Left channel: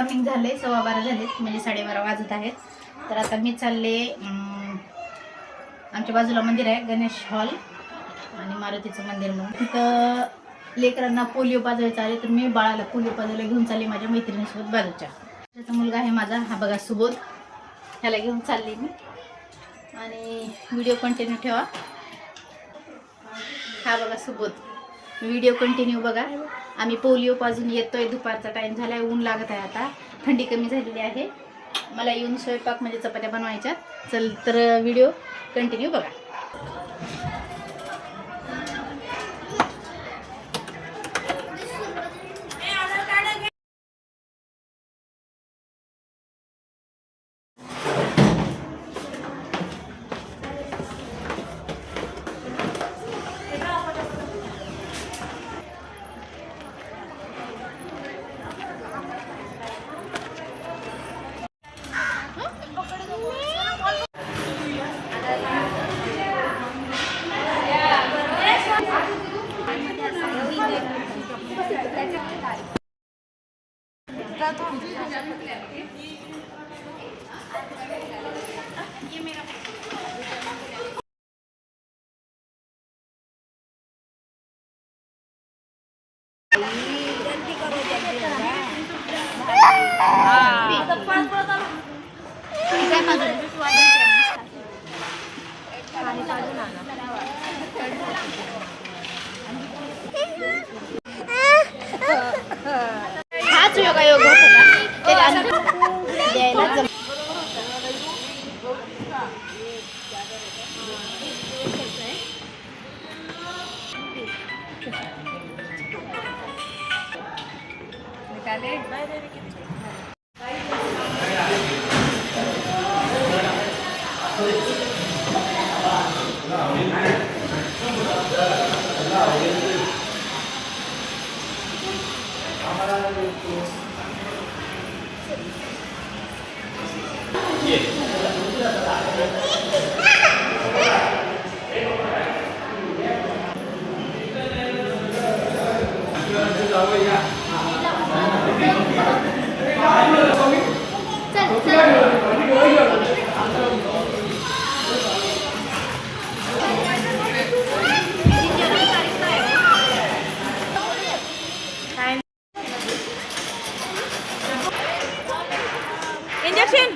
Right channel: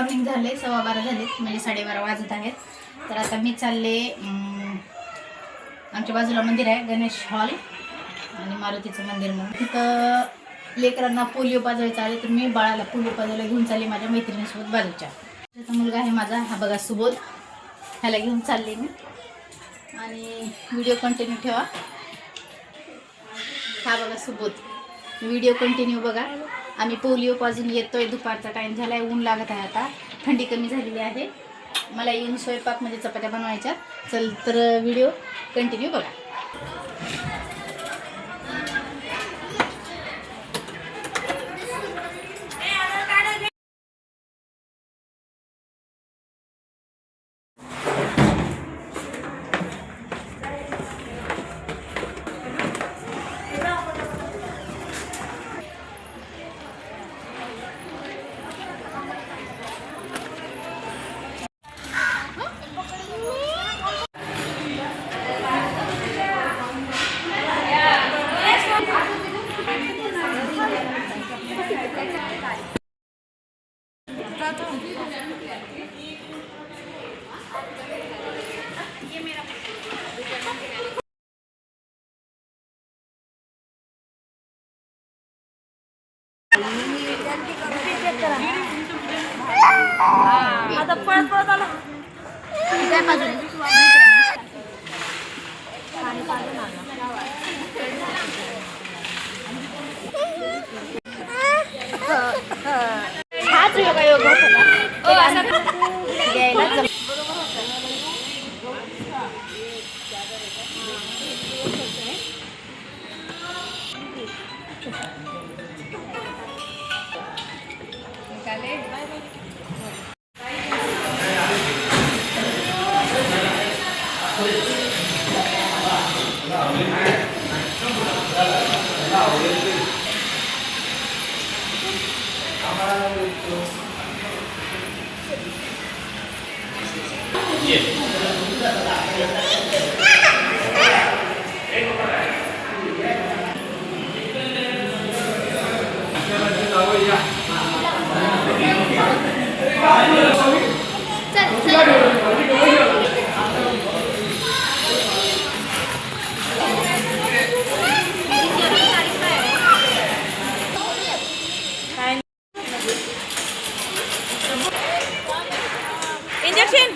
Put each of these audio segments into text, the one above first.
Morning झाले, 12:15 झालेत, म्हणजे 12:30 वाजत आहेत. तर आता मी चालले, आमच्या बाजूला मंदिर आहे गणेश हॉल आणि मारुतीचं मंदिर म्हणून, तिथं लेकरांना पोलिओ पाजवायचं आहे. तर मी बाळाला पोलिओ पाजवायला घेऊन चालली माझ्या मैत्रिणीसोबत बाजूच्या. त्याचा मुलगा आहे माझा, हा बघा सुबोध, ह्याला घेऊन चालली मी. आणि व्हिडिओ कंटिन्यू ठेवा. हा बघा सुबोध, व्हिडिओ कंटिन्यू बघा. आम्ही पोलिओ पाजून येतोय, दुपारचा टाईम झाला आहे, ऊन लागत आहे, आता थंडी कमी झालेली आहे. मला येऊन स्वयंपाक म्हणजे चपात्या बनवायच्या. चल तर व्हिडिओ कंटिन्यू बघा. हाच योगायोग होता द्यायला. इंजेक्शन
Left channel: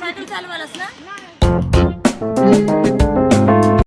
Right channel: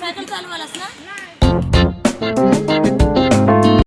सायकल चालवायलास ना.